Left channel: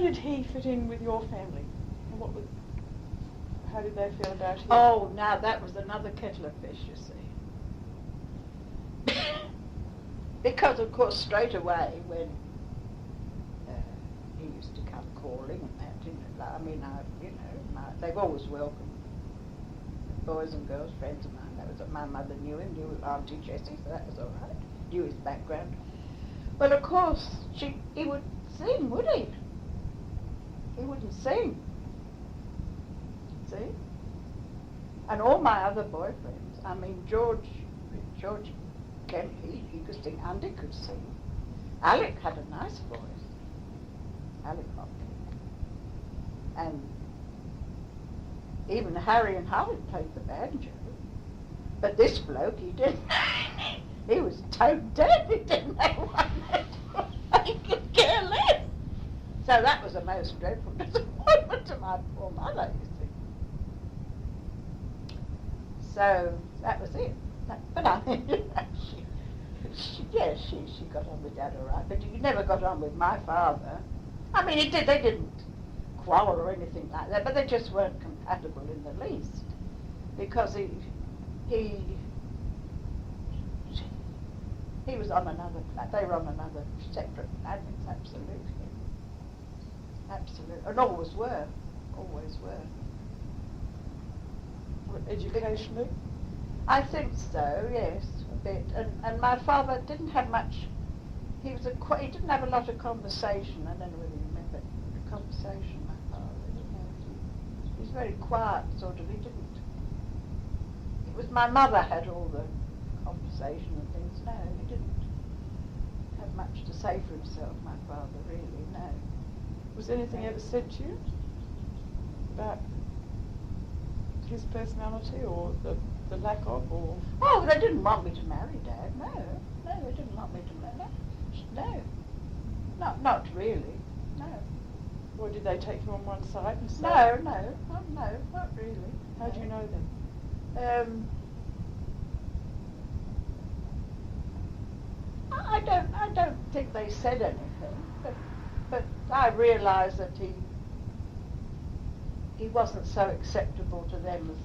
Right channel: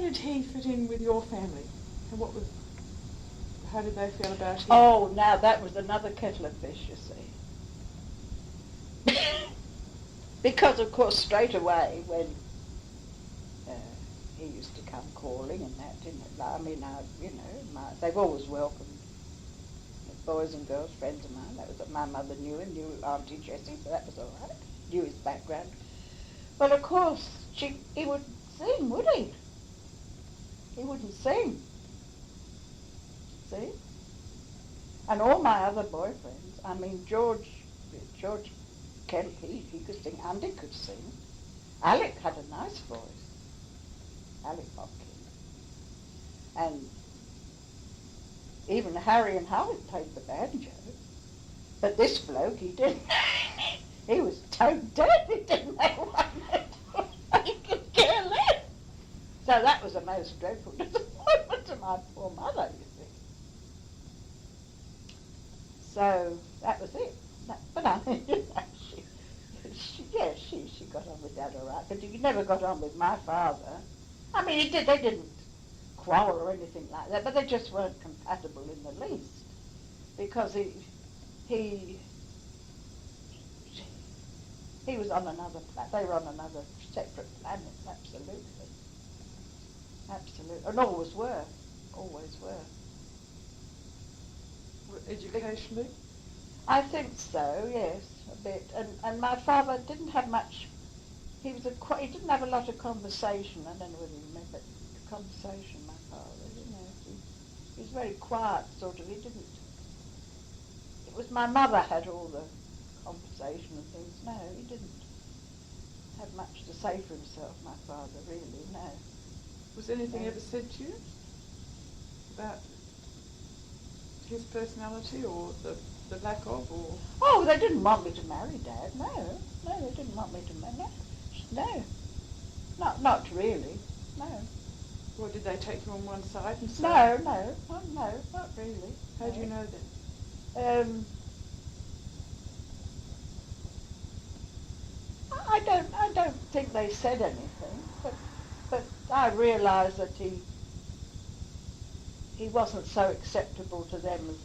did he fit in with your family? And how did they feel about him? Oh, now that was another kettle of fish, you see. Because, of course, straight away when he used to come calling and that, they've always welcomed boys and girls, friends of mine. That was my mother knew him, knew Auntie Jessie, so that was all right. Knew his background. But of course, he wouldn't sing, would he? He wouldn't sing. See? And all my other boyfriends, George Campbell, he could sing, Andy could sing. Alec had a nice voice. Alec Hopkins. And even Harry and Howard played the banjo. But this bloke, he didn't. He was tone deaf, he didn't know what he could care less. So that was a most dreadful disappointment to my poor mother, you see. So that was it. But I mean, she got on with Dad all right, but she never got on with my father. I mean, they didn't quarrel or anything like that, but they just weren't compatible in the least. Because he was on another planet, they were on another separate planet, absolutely. Absolutely, and always were. Educationally? I think so, yes, a bit. And my father didn't have much, he didn't have a lot of conversation. I don't know whether you remember the conversation, my father, he was very quiet, sort of, it was my mother had all the conversation and things. No, he didn't have much to say for himself, my father, really, no. Was anything ever said to you about his personality or the lack of, or? Oh, they didn't want me to marry Dad, no, they didn't want me to marry, no, not really, no. Or did they take you on one side and say? No, not really. How do you know then? I don't think they said anything, but I realised that he wasn't so acceptable to them as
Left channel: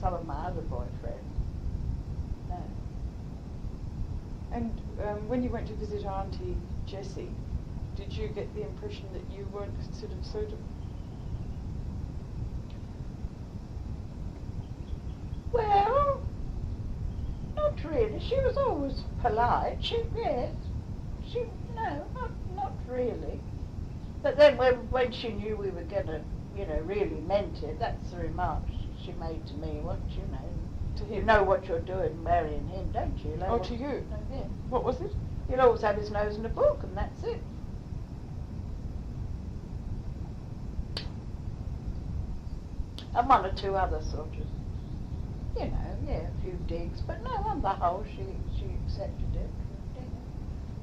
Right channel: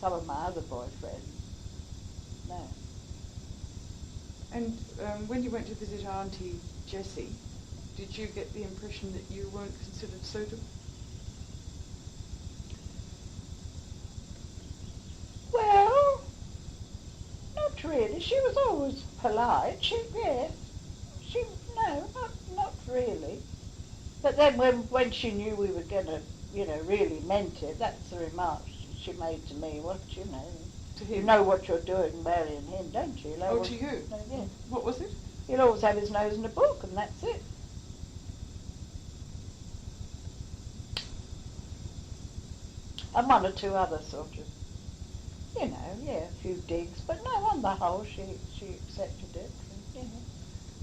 some of my other boyfriends. No. And when you went to visit Auntie Jessie, did you get the impression that you weren't considered suitable? Well, not really. She was always polite. Not really. But then when she knew we were going to, really meant it, that's the remark she made to me once, To him? You know what you're doing marrying him, don't you? To you? Yeah. What was it? He'll always have his nose in a book, and that's it. And one or two other sort of, a few digs, but no, on the whole, she accepted it.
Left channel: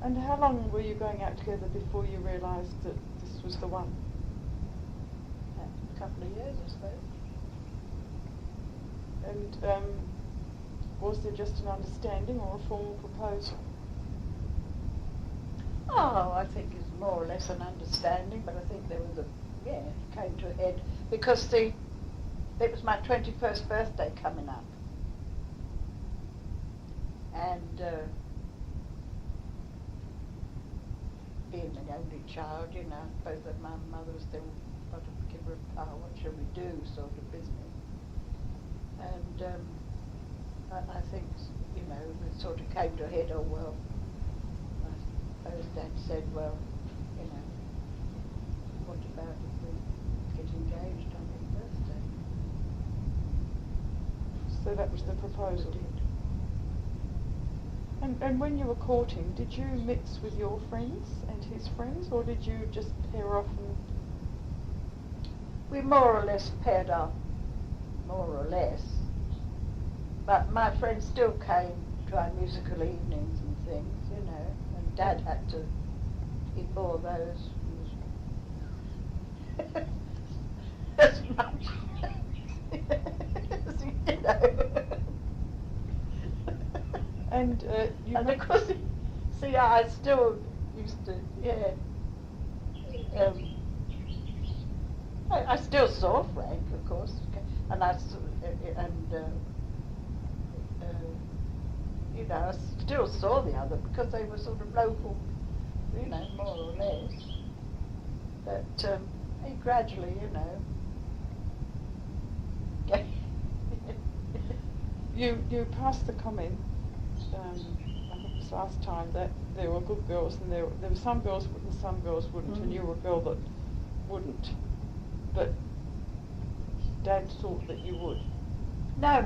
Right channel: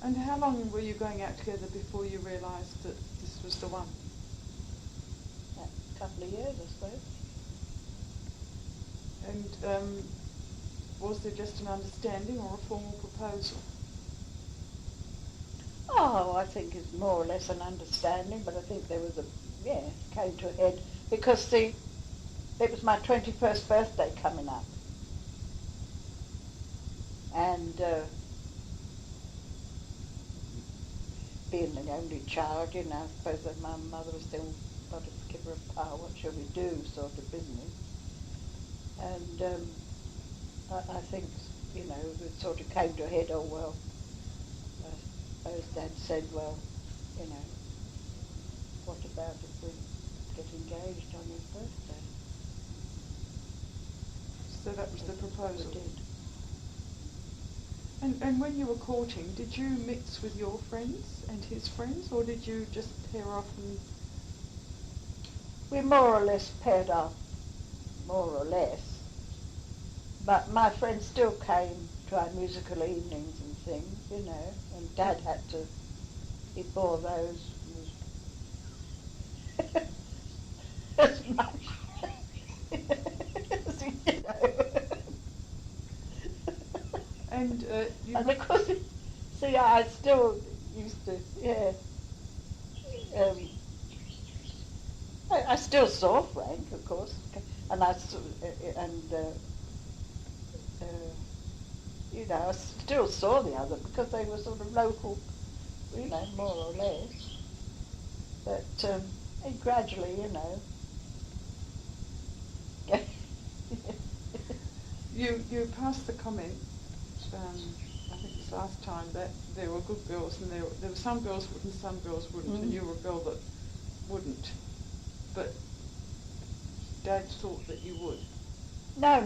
And how long were you going out together before you realised that this was the one? A couple of years, I suppose. And was there just an understanding or a formal proposal? Oh, I think it's more or less an understanding, but I think there was came to a head, because it was my 21st birthday coming up. And being the only child, I suppose that my mother was still sort of give her a what shall we do sort of business. And I think, it sort of came to a head, well, I suppose Dad said, well, what about if we get engaged on his birthday? So that was the proposal? We did. And when you were courting, did you mix with your friends and his friends, or did you just pair off and... We more or less paired up, more or less. But my friends still came to our musical evenings and things, and Dad had to, he bore those as much as he did. And and of course, I still used to, still saw Frank, of course, and you know, I still saw the other because they were sort of local, you know, more or less. But he gradually, you know. You passed the comment, I think this last time, that there were good girls and there were some girls would and some girls wouldn't, and you were a girl that wouldn't. But Dad thought that you would. No.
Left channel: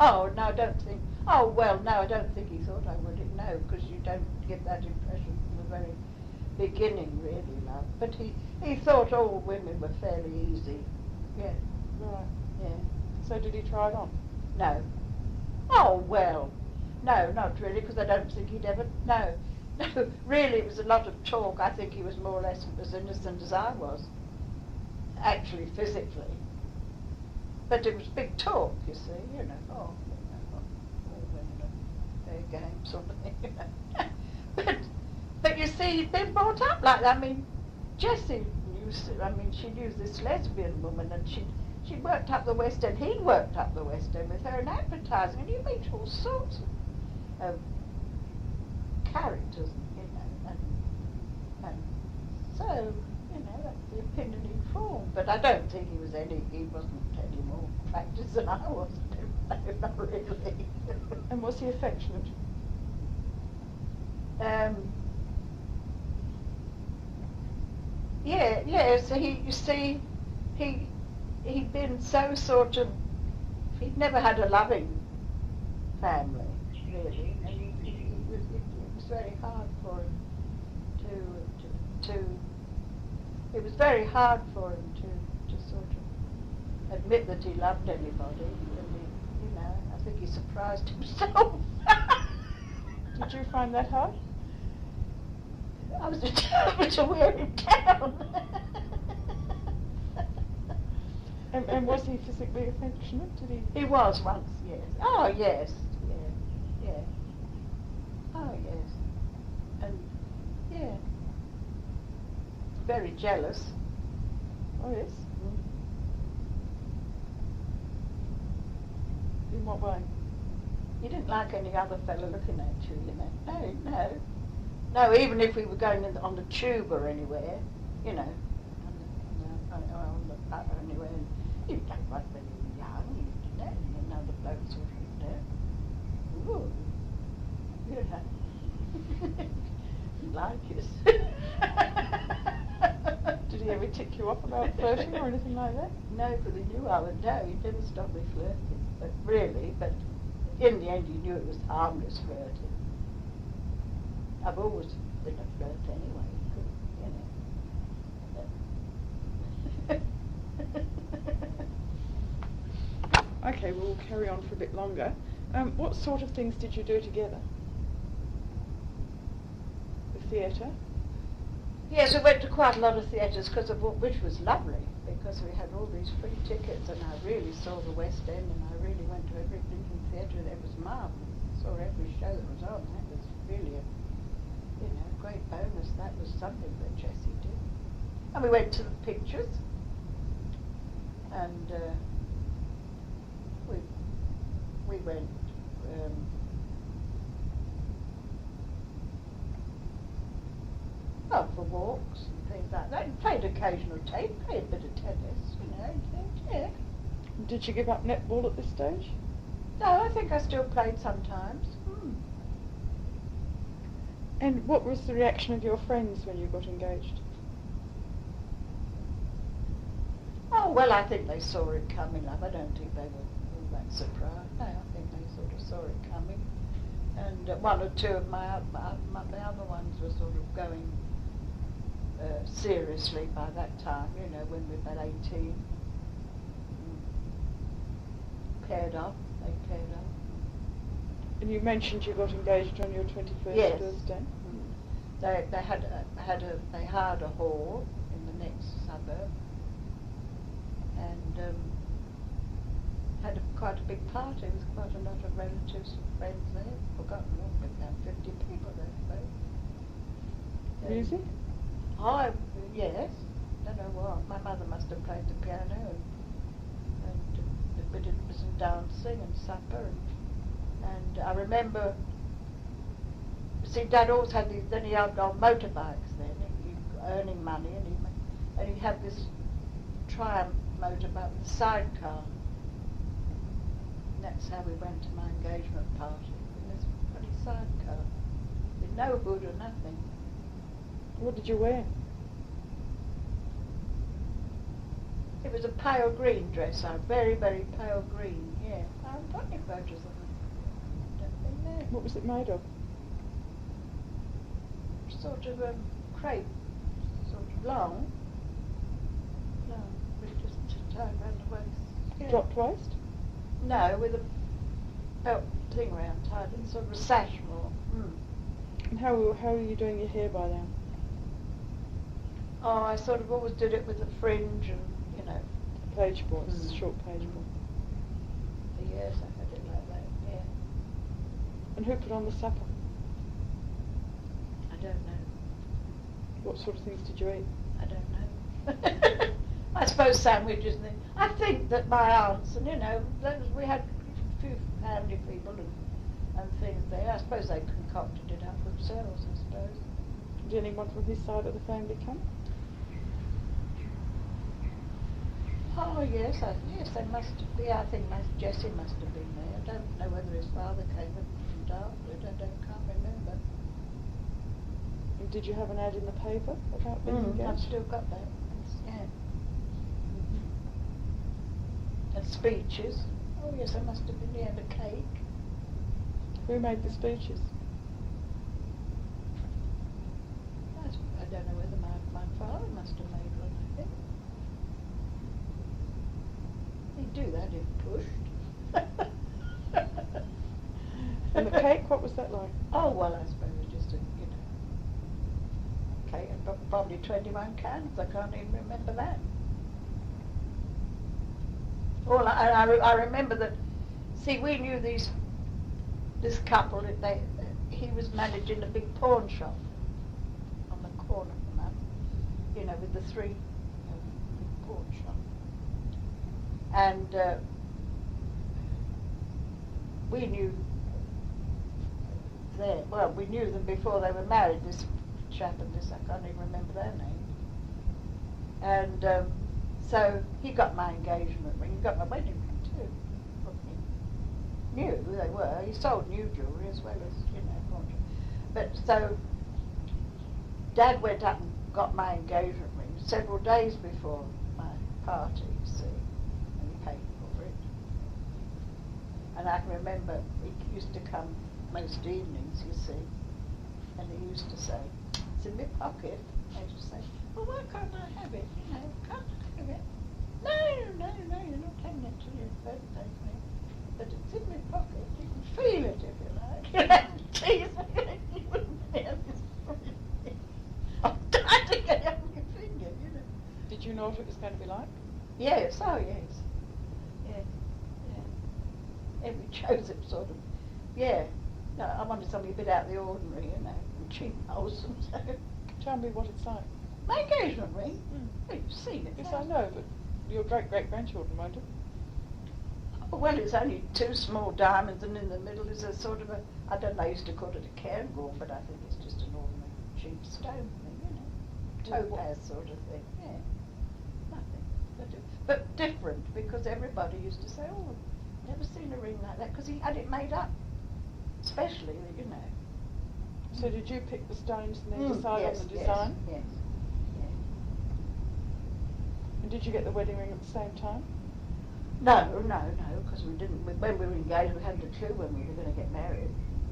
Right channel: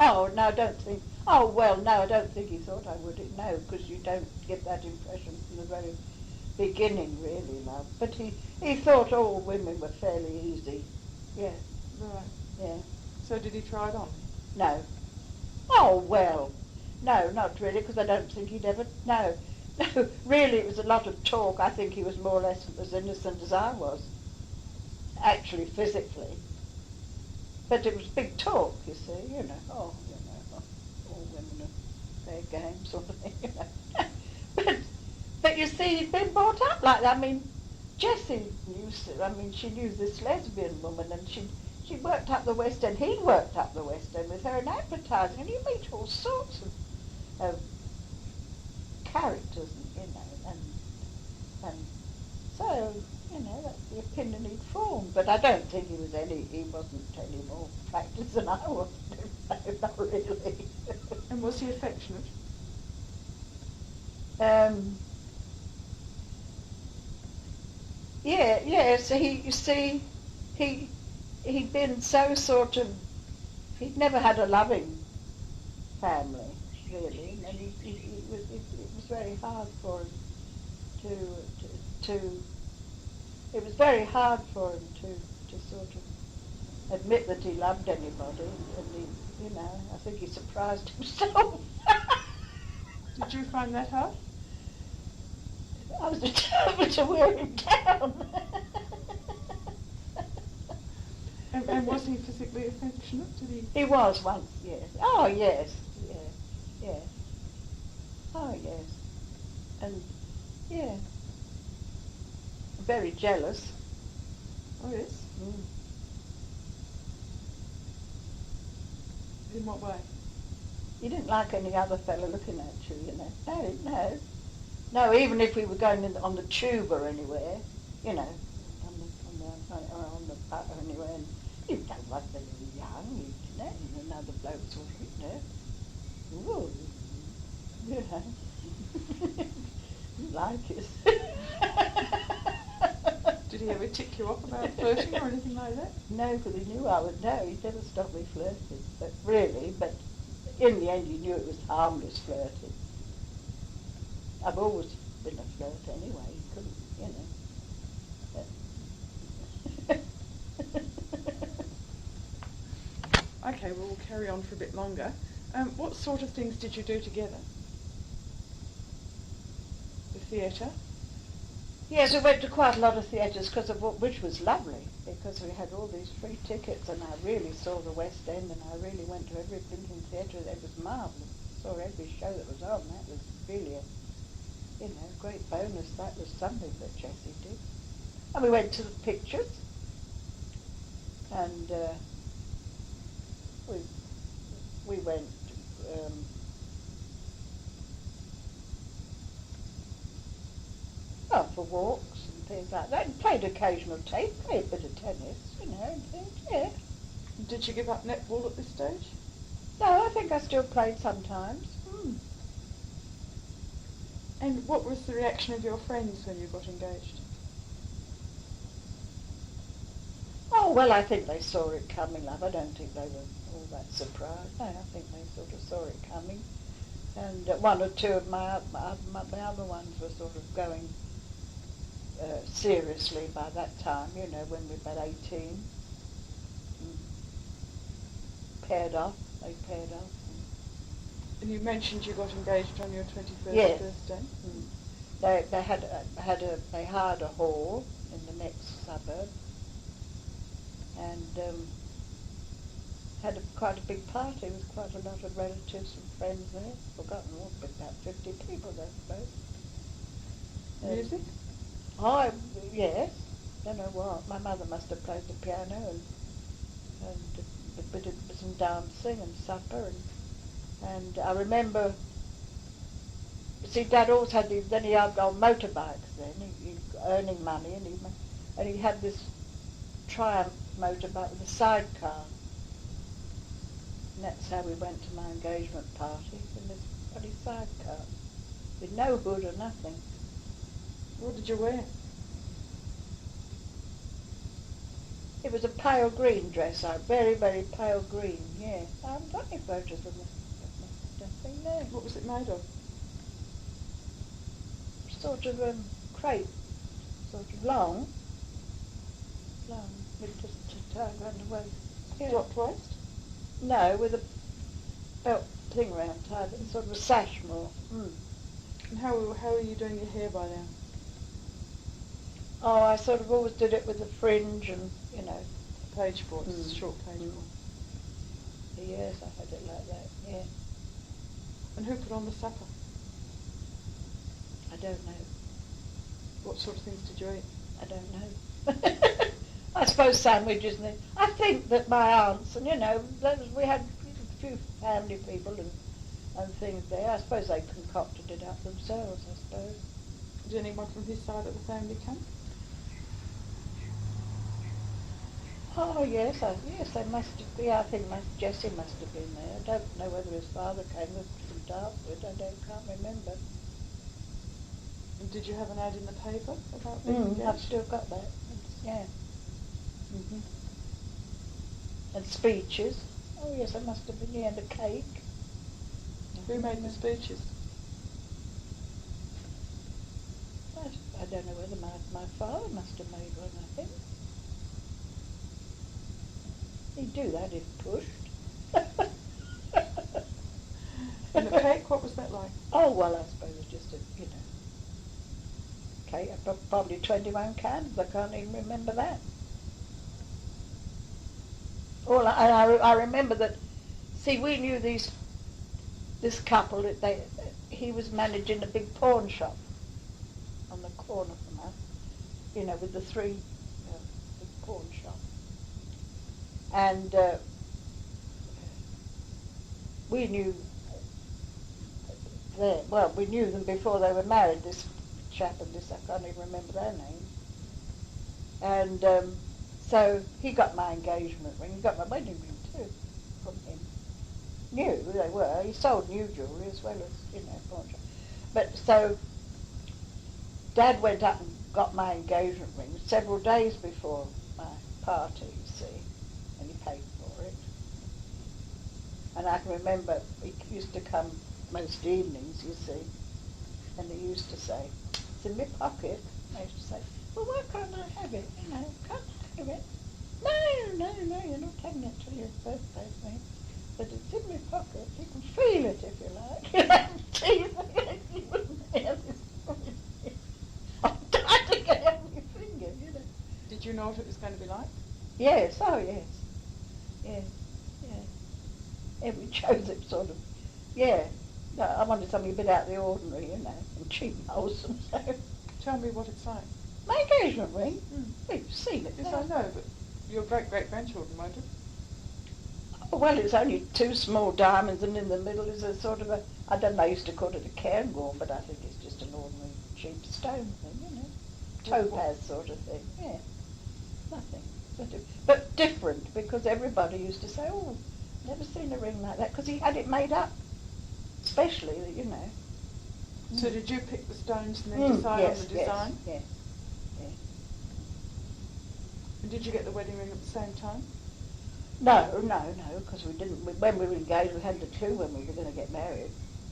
Oh, no, I don't think. Oh, well, no, I don't think he thought I would. No, because you don't get that impression from the very beginning, really, love. But he thought all women were fairly easy. Yeah. Right. Yeah. So did he try it on? No. Oh, well, no, not really, because I don't think he'd ever, no. No, really, it was a lot of talk. I think he was more or less as innocent as I was, actually, physically. But it was big talk, you see, you know, all women are fair game sort of thing, you know. But you see, he'd been brought up like that. I mean, Jessie she knew this lesbian woman, and she worked up the West End. He worked up the West End with her in advertising, and you meet all sorts of characters, you know, and so, you know, that's the opinion he formed. But I don't think he wasn't any more practiced than I was. No, not really. And was he affectionate? Yeah, so you see, he'd been so sort of, he'd never had a loving family, really, and it was very hard for him it was very hard for him to sort of admit that he loved anybody, and he, you know, I think he surprised himself. Did you find that hard? I was determined to wear him down. And was he physically affectionate? Did he? He was once, yes. Oh, yes, yeah. Oh, yes. And, yeah. Very jealous. Oh, yes? In what way? He didn't like any other fellow looking at you, you know. No. No, even if we were going on the tube or anywhere, you know, anywhere, and you don't like them young, you know, and another bloke's sort of, you know, ooh, you know, like it. Did he ever tick you off about flirting or anything like that? Nobody knew I would know. He never stopped me flirting, but in the end he knew it was harmless flirting. I've always been a flirt anyway, you know. Okay, we'll carry on for a bit longer. What sort of things did you do together? The theatre? Yes, we went to quite a lot of theatres, which was lovely, because we had all these free tickets, and I really saw the West End, and I really went to every blinking theatre. That was marvellous. Saw every show that was on. That was really a great bonus. That was something that Jessie did. And we went to the pictures, and we went. For walks and things like that, and played occasional tape, played a bit of tennis, you know, and things, yeah. Did you give up netball at this stage? No, I think I still played sometimes. And what was the reaction of your friends when you got engaged? Oh, well, I think they saw it coming up. I don't think they were all that surprised. No, I think they sort of saw it coming. And one or two of the other ones were sort of going seriously by that time, you know, when we were about 18. Paired off. And you mentioned you got engaged on your 21st yes. birthday. They hired a hall in the next suburb, and had quite a big party with quite a lot of relatives and friends there. Forgotten all, but about 50 people, I suppose. Music? Oh, yes. Don't know what. My mother must have played the piano, and we did some dancing and supper, and I remember, see, Dad also had these, then he had on motorbikes then, he earning money, and he had this Triumph motorbike with a sidecar. And that's how we went to my engagement party, in this bloody sidecar, with no hood or nothing. What did you wear? It was a pale green dress, very, very pale green, yeah. I haven't got any photos of it. I don't think, no. What was it made of? Sort of crepe, sort of long, with just tied around the waist. Yeah. Dropped waist? No, with a belt thing round tied, but sort of a sash more. Mm. And how were you doing your hair by then? Oh, I sort of always did it with a fringe and, you know. Page boards, short page board. Yes, I did like that, yeah. And who put on the supper? I don't know. What sort of things did you eat? I don't know. I suppose sandwiches and I think that my aunts, and you know, we had a few family people and things there. I suppose they concocted it up themselves, I suppose. Did anyone from his side of the family come? Oh yes, yes, they must have. Yeah, I think Jessie must have been there. I don't know whether his father came after it. Can't remember. And did you have an ad in the paper about being engaged? I've still got that. Yeah. And speeches. Oh yes, that must have been, yeah, and a cake. Who made the speeches? I don't know whether my father must have made one, I think. He'd do that if pushed. And the cake, what was that like? Oh, well, I suppose it just a, you know, cake, probably 21 cans, I can't even remember that. Well, I remember that, see, we knew this couple, he was managing a big pawn shop on the corner of the map, you know, with the three big pawn shop. And we knew we knew them before they were married, this chap and this, I can't even remember their names. And so he got my engagement ring, he got my wedding ring too. Knew who they were. He sold new jewellery as well as, you know, what. But so Dad went up and got my engagement ring several days before my party, you see, and he paid for it. And I can remember he used to come most evenings, you see, and he used to say, "It's in my pocket." I used to say, "Well, why can't I have it? You know, can't I have it?" No, you're not taking it till your birthday, mate. But it's in my pocket. You can feel it if you like. You wouldn't have this. I'm dying to get out of your finger, you know. Did you know what it was going to be like? Yes, oh yes. Yeah. Yeah, we chose it sort of, yeah. No, I wanted something a bit out of the ordinary, you know, and cheap and wholesome, so. Tell me what it's like. My engagement ring? You've seen it. Yes, I know, but your great-great-grandchildren won't have. Oh, well, it's only two small diamonds, and in the middle is a sort of a, I don't know, I used to call it a cairngorm, but I think it's just an ordinary cheap stone thing, you know. Topaz sort of thing, yeah. Nothing. But different, because everybody used to say, "Oh, never seen a ring like that," because he had it made up, specially, you know. So did you pick the stones and then decide on the design? Yes, yeah. And did you get the wedding ring at the same time? No, because we didn't. When we were engaged, we hadn't a clue when we were going to get married.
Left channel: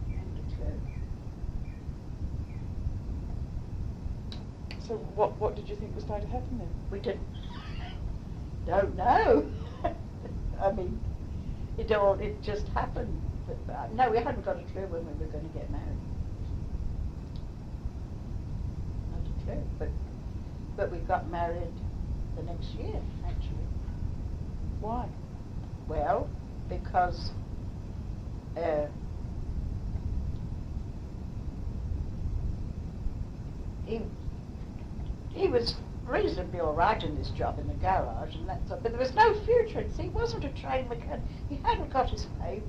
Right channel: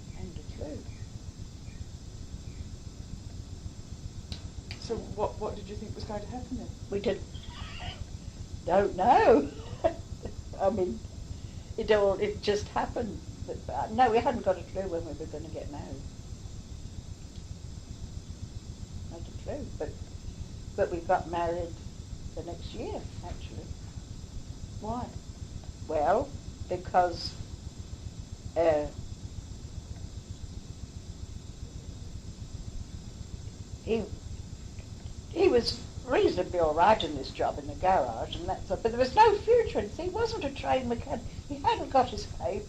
We hadn't a clue. So what did you think was going to happen then? We don't know. I mean, it just happened. No, we hadn't got a clue when we were going to get married. Not a clue, but we got married the next year, actually. Why? Well, because he was reasonably all right in this job in the garage and that stuff, but there was no future in it. See, he wasn't a trained mechanic. He hadn't got his papers.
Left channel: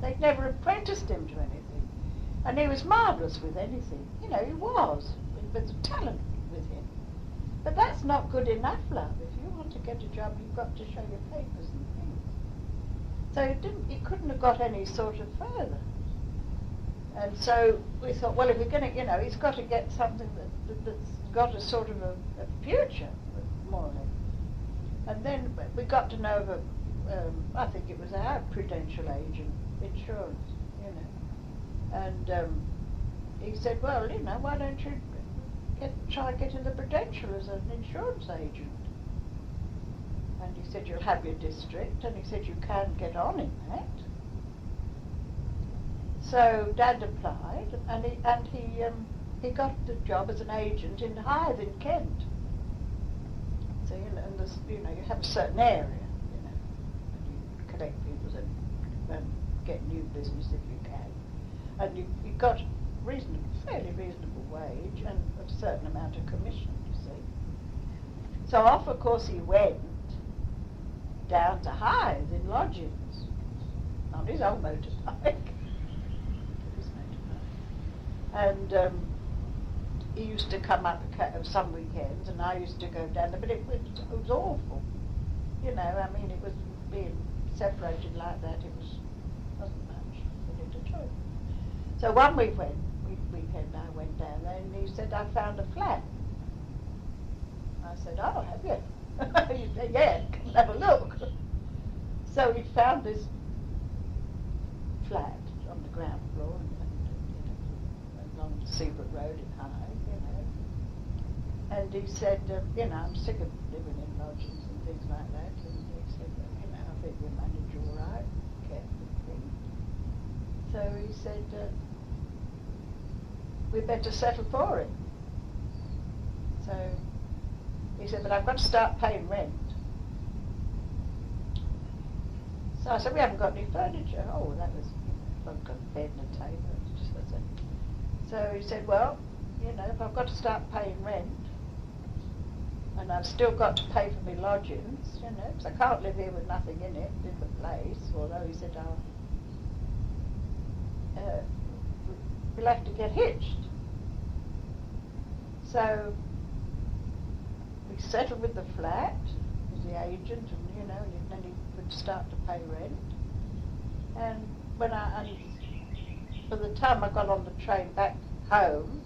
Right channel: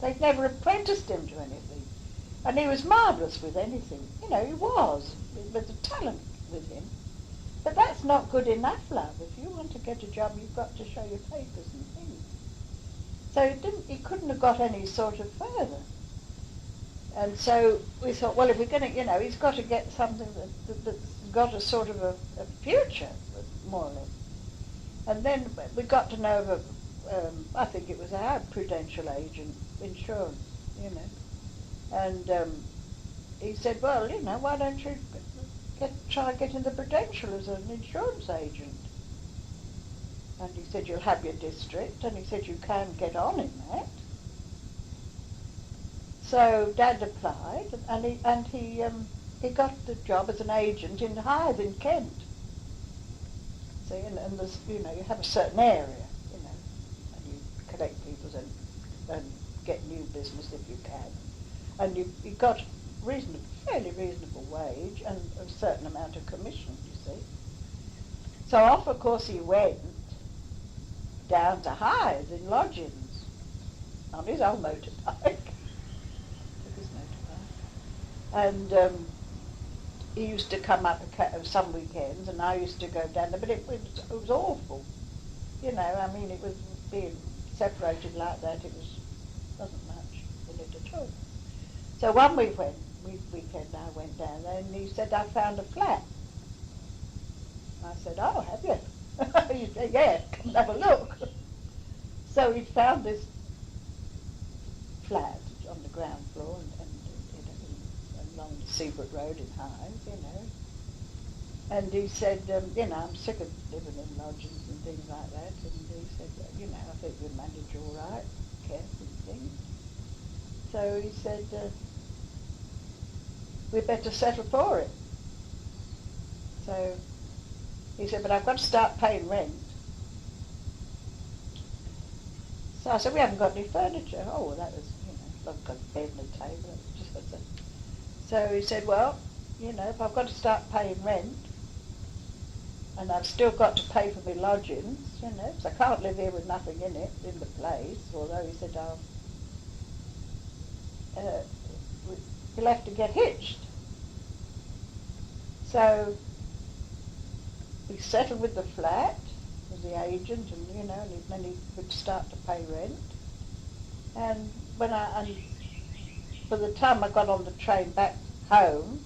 They'd never apprenticed him to anything. And he was marvellous with anything. You know, he was. There was a talent with him. But that's not good enough, love. If you want to get a job, you've got to show your papers and things. So he couldn't have got any sort of further. And so we thought, well, if we're going to, you know, he's got to get something that's got a sort of a future, more or less. And then we got to know of I think it was our prudential agent, insurance, you know. And he said, well, you know, why don't you try getting the Prudential as an insurance agent? And he said, you'll have your district, and he said, you can get on in that. So Dad applied, and he got the job as an agent in Hythe in Kent. So, you know, and there's, you know, you have a certain area, you know, and you collect people's and get new business if you can. And you got fairly reasonable wage and a certain amount of commission, you see. So off, of course, he went down to Hythe in lodgings on his own motorbike. And he used to come up some weekends, and I used to go down there, but it was awful. You know, I mean, it was being separated like that, wasn't much in it at all. So one weekend I went down there, and he said, I found a flat. I said, oh, have you? He said, yeah, come have a look. So he found this flat on the ground floor, along Seabrook Road in Hythe, you know. And he said, you know, I'm sick of living in lodgings and things like that. And he said, well, you know, I think you manage all right, Ken, and things. So he said, we'd better settle for it. So he said, but I've got to start paying rent. So I said, we haven't got any furniture. Oh, well, that was, you know, I've got a bed and a table. So he said, well, you know, if I've got to start paying rent, and I've still got to pay for my lodgings, you know, because I can't live here with nothing in it, in the place, although he said, you'll have to get hitched. So we settled with the flat, with the agent, and, you know, and then he would start to pay rent. And when by the time I got on the train back home,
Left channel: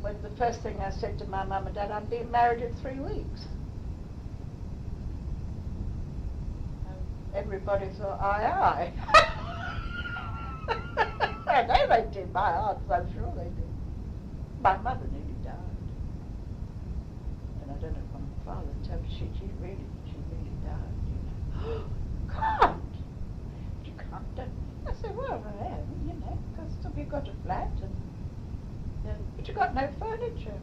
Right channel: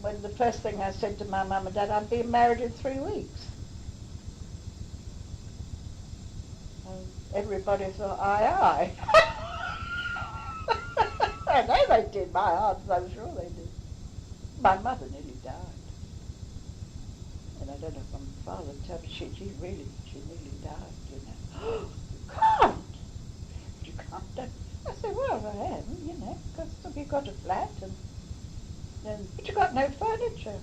when the first thing I said to my mum and dad, I'm being married in 3 weeks. And everybody thought, aye, aye. I know they did, my heart, I'm sure they did. My mother nearly died. And I don't know if my father told me, she really died, you know. God! You can't do. I said, well, I am, you know, because you've got a flat, but you've got no furniture.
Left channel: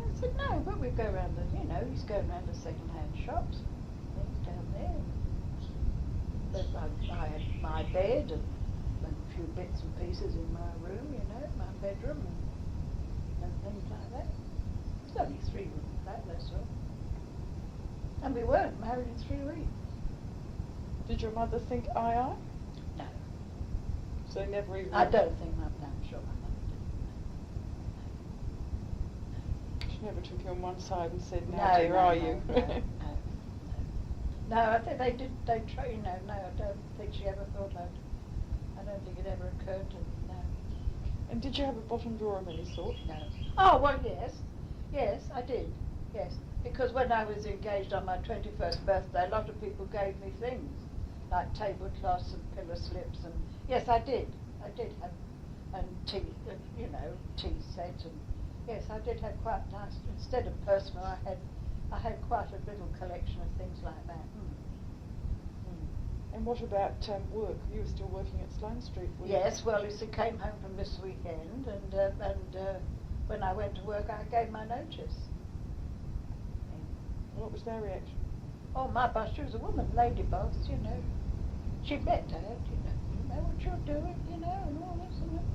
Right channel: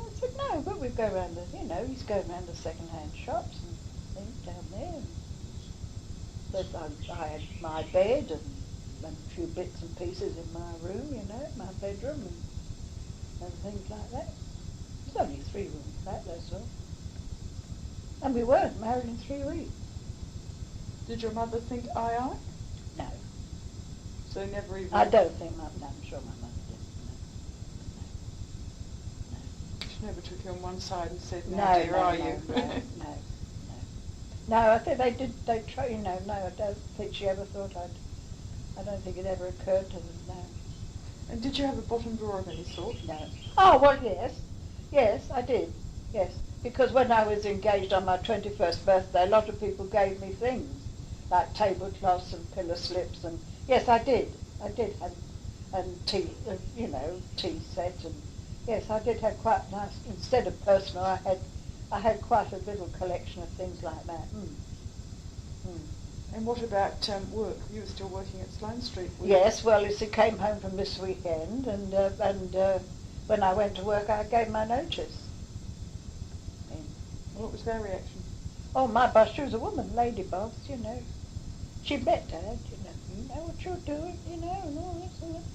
I said, no, but we go around the, you know, he's going around the second-hand shops and things down there. I had my bed and a few bits and pieces in my room, you know, my bedroom and things like that. It's only a 3-room flat, that's all. And we weren't married in 3 weeks. Did your mother think aye? No. So never even... I don't think I'm sure my mother did. She never took you on one side and said, now No, dear, no, are no, you? No, I think they did, you know, no, I don't think she ever thought I don't think it ever occurred to them, no. And did you have a bottom drawer of any sort? No. Oh, well, yes, I did, yes. Because when I was engaged on my 21st birthday, a lot of people gave me things, like tablecloths and pillow slips, and yes, I did, and tea, you know, tea sets, and yes, I did have quite nice, instead of personal, I had quite a little collection of things like that. And what about work? You were still working at Sloane Street, were you? Yes, well, as I came home from this weekend, and when I went to work, I gave my notice. What was their reaction? Oh, my boss, she was a woman, lady boss, you know. She met her, you know what you're doing, you know, and all this and that.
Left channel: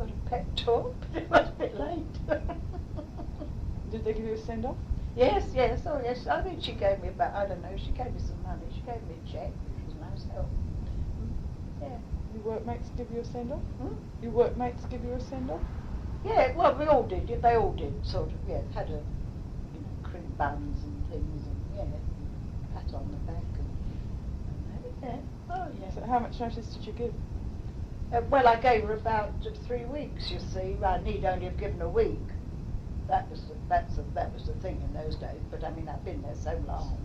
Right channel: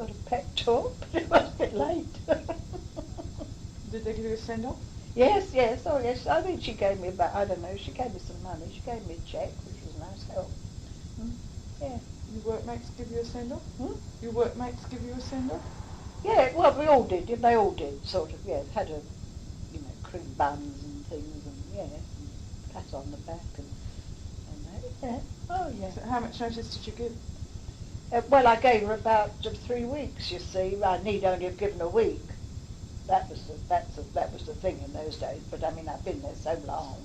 got a pep talk, but it was a bit late. Did they give you a send-off? Yes, yes, oh yes, I think she gave me about, I don't know, she gave me some money, she gave me a cheque, which was nice help. Yeah. Your workmates give you a send-off? Hmm? Your workmates give you a send-off? Yeah, well, we all did, they all did, sort of, yeah, had a, you know, cream buns and things, and yeah, and pat on the back and that, yeah, oh yeah. So how much notice did you give? Well, I gave her about 3 weeks, you see. I need only have given a week. That was the thing in those days. But I mean, I've been there so long,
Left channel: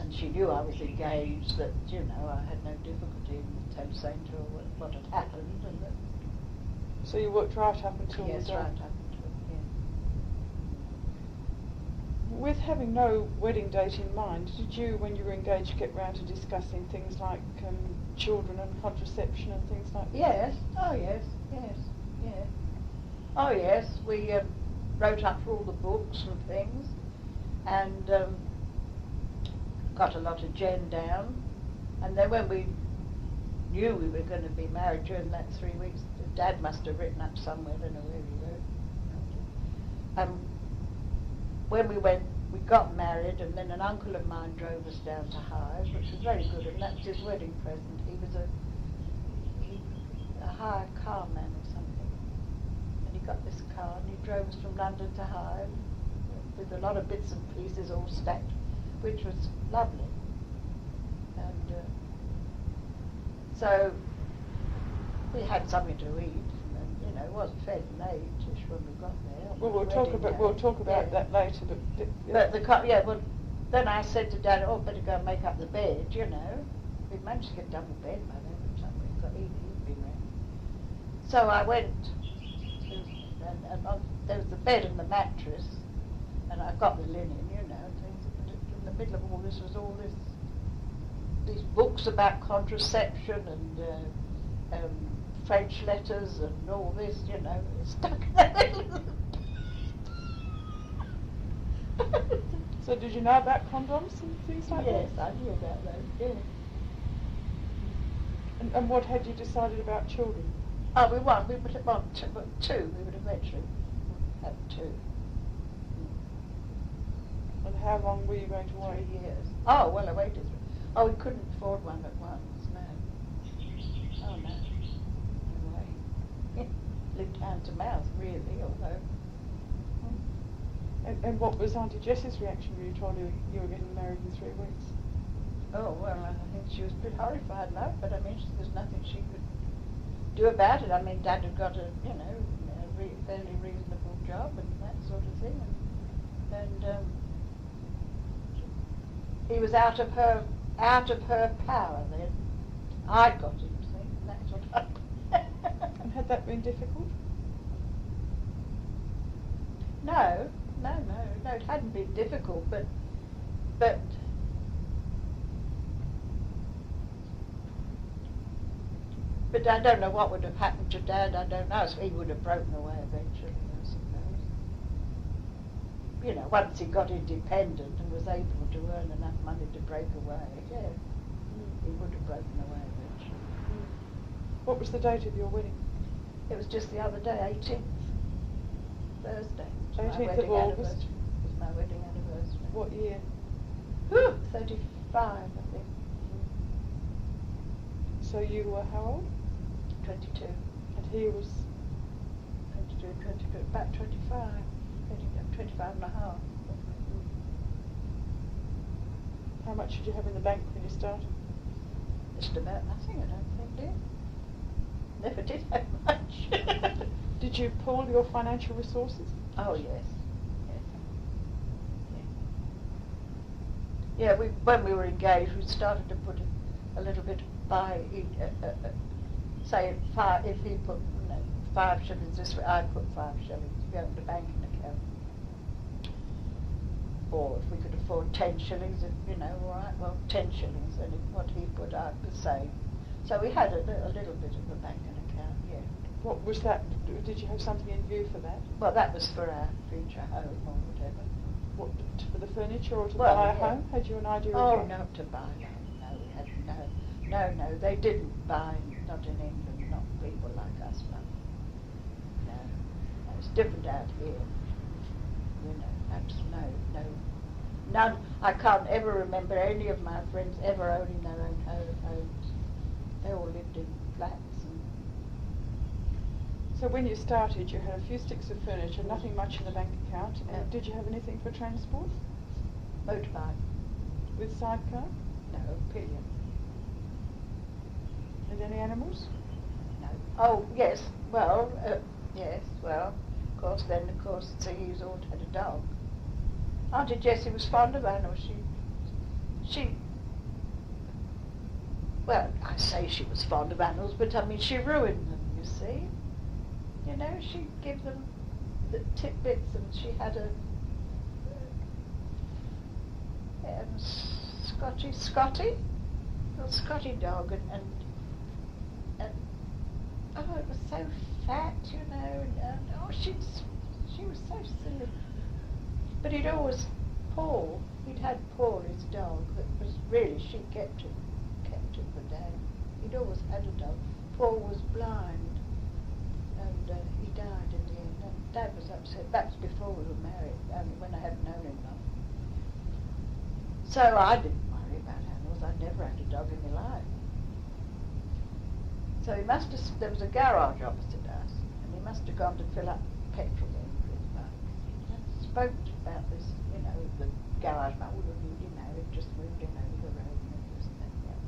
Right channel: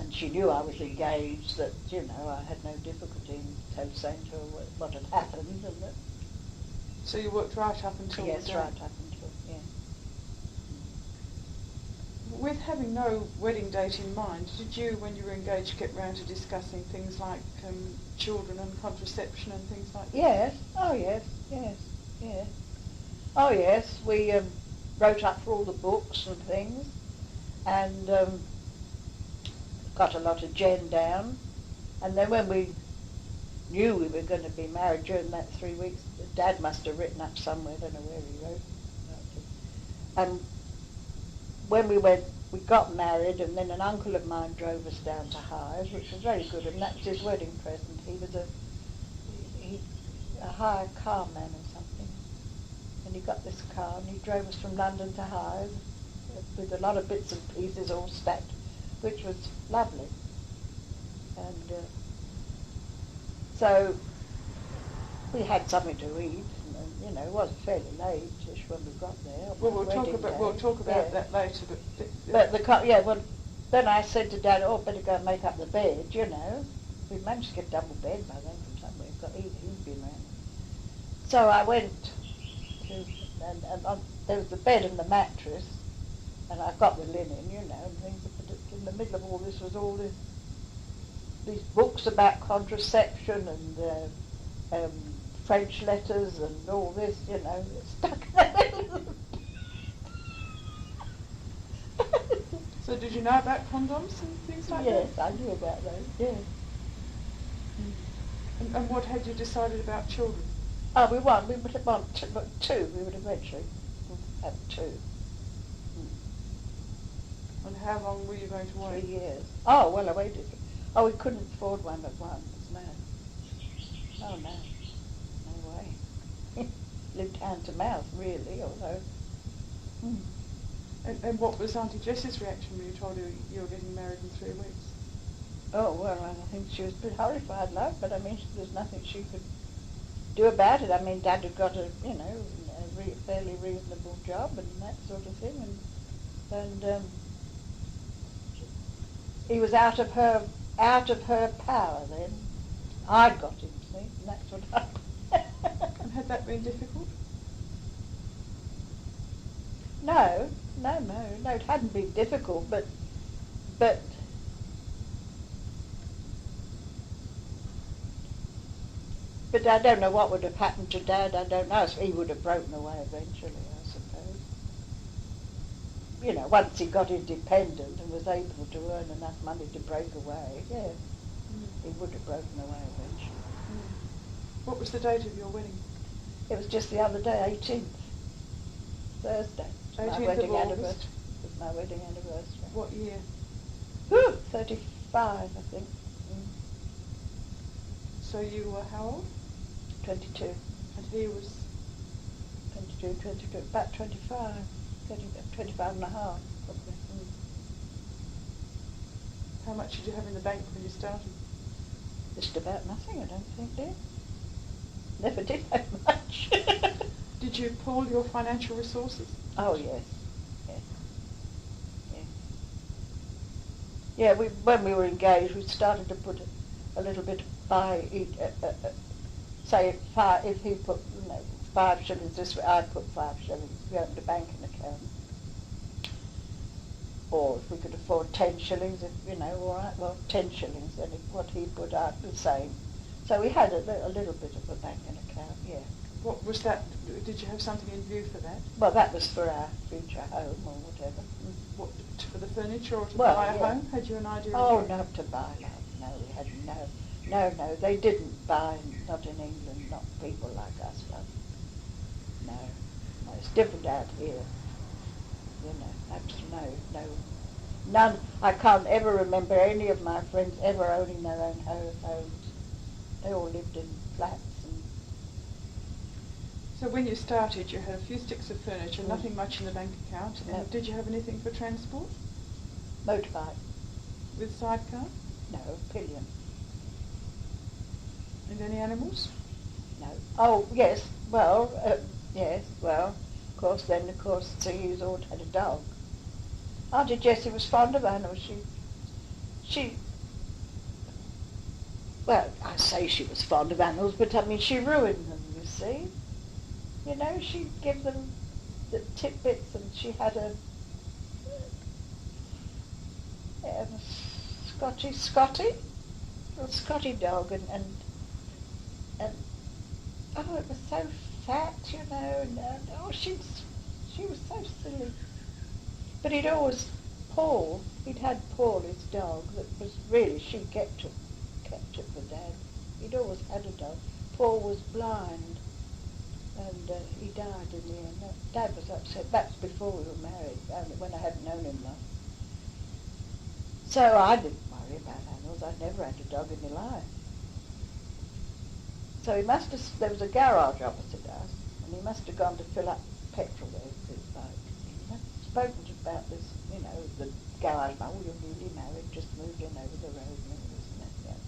and she knew I was engaged that, you know, I had no difficulty in saying to her what had happened. And that, So you worked right up until yes, the day? right up until, yeah. With having no wedding date in mind, did you, when you were engaged, get round to discussing things like children and contraception and things like that? Yes, oh yes, yes, yes. Oh yes, we wrote up for all the books and things, and got a lot of gen down. And then when we knew we were going to be married during that 3 weeks, Dad must have written up somewhere, I don't know where he wrote. When we got married, and then an uncle of mine drove us down to Hythe, which was very good, and that was his wedding present. He was a hired carman or something, and he got this car and he drove us from London to Hythe with a lot of bits and pieces all stacked, which was lovely. And so we had something to eat, and you know, it wasn't fairly late-ish when we got there. Well, we'll talk about that later. But the car, yeah. Well, then I said to Dad, "Oh, better go and make up the bed." You know, we'd managed to get a double bed by then or something. But he'd been around. So I went to, and there was the bed and the mattress, and I got the linen, you know, and things. But in the middle of all this was all these books about contraception and French letters and all this, you know, stuck there. So did you know about condoms and things like that? Yes, I knew about those, yeah. And what had you decided about children? Oh, we would want two, we would eventually have two. And how long were you going to wait? 3 years. Oh, well, I waited. Oh, we couldn't afford one at once, no. Oh, no. No way. Lived hand to mouth, really, although... And what was Auntie Jess's reaction when you told her you were getting married in 3 weeks? Oh, well, I think she was pretty horrified, love, but I mean, there's nothing she could do about it. I mean, Dad had got a, you know, a fairly reasonable job and that sort of thing, and he was out of her power then. I'd got him, see, and that's what happened. And had that been difficult? No, it hadn't been difficult, but I don't know what would have happened to Dad. I don't know. So he would have broken away eventually, I suppose. You know, once he got independent and was able to earn enough money to break away, yeah, he would have broken away eventually. What was the date of your wedding? It was just the other day, 18th, Thursday. 18th of August? It was my wedding anniversary. What year? 35, I think. So you were how old? 22. And he was? 22, about 25. 25 and a half. How much did you have in the bank when you started? Just about nothing, I don't think, dear. Never did have much. Did you pool your financial resources? Oh, yes. Yeah, when we were engaged, we started to put a little bit by each, say if he put 5 shillings this way, I'd put 5 shillings, go to the banking account. Or if we could afford 10 shillings, you know, all right, well, 10 shillings, and what he put out the same. So we had a little bit of a banking account, yeah. What was that? Did you have something in view for that? Well, that was for our future home or whatever. What, for the furniture or to Well, buy a yeah. home? Had you an idea of Oh, what? not to buy. No, we had no, they didn't buy, not in England, not people like us. No. different out here. You know, that's no, none. I can't ever remember any of my friends ever owning their own homes. They all lived in flats. So when you started, you had a few sticks of furniture, nothing much in the bank account, and did you have anything for transport? Motorbike. With sidecar? No, pillion. And any animals? No. Oh, yes. Well, yes. Well, of course. Then, of course, so you all had a dog. Auntie Jessie was fond of animals. She. Well, I say she was fond of animals, but I mean she ruined them. You see. You know, she'd give them the tidbits, and she had a Scotty, little Scotty dog, and oh, it was so fat, you know, and oh, she was so silly. But he'd always he'd had Paul, his dog, that was really, she kept him for Dad. He'd always had a dog. Paul was blind, and he died in the end. Dad was upset. That's before we were married, when I hadn't known him long. So I didn't worry about animals. I'd never had a dog in my life. So there was a garage opposite us, and he must have gone to fill up petrol with his boat. I spoke about this, you know, the garage, oh, you're newly married, just moved in over the road, and this and that.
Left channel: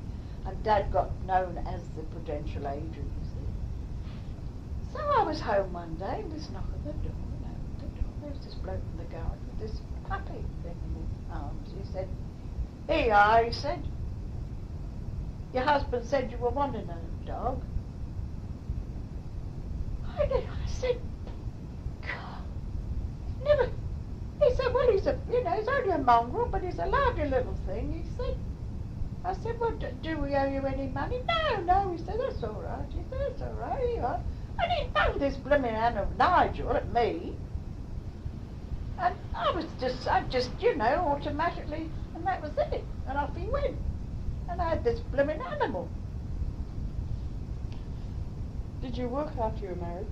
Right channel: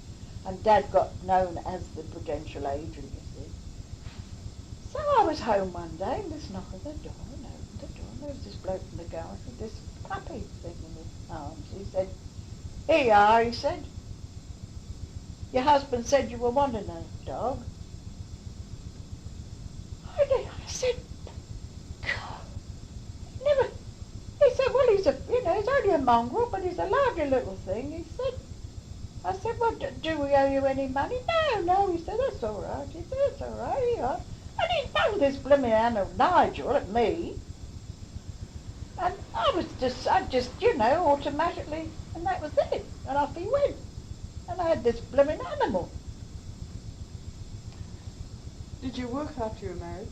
And Dad got known as the prudential agent, you see. So I was home one day, and this knock at the door, and I opened the door. There's this bloke in the garage with this puppy thing in his arms. He said, "Here you are," he said. "Your husband said you were wanting a dog." I said, "God, never." He said, "Well, he's only a mongrel, but he's a lovely little thing." He said. I said, "Well, do we owe you any money?" No, he said, "That's all right." He said, "That's all right, here you are." And he threw this blooming animal Nigel at me. And I just, you know, automatically, and that was it. And off he went. And I had this blooming animal. Did you work after you were married?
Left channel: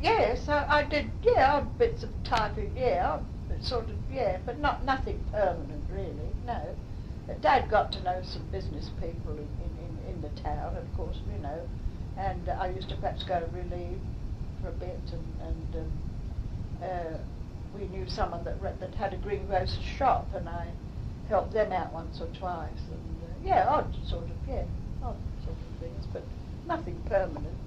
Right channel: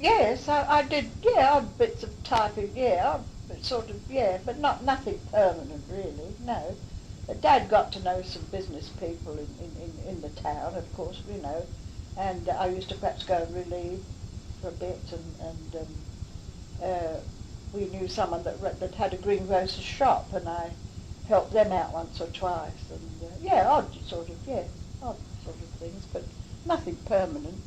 Yes, I did, odd bits of typing, sort of, but nothing permanent really, no. But Dad got to know some business people in the town, of course, you know, and I used to perhaps go and relieve for a bit, and we knew someone that had a greengrocer's shop, and I helped them out once or twice, and odd sort of things, but nothing permanent.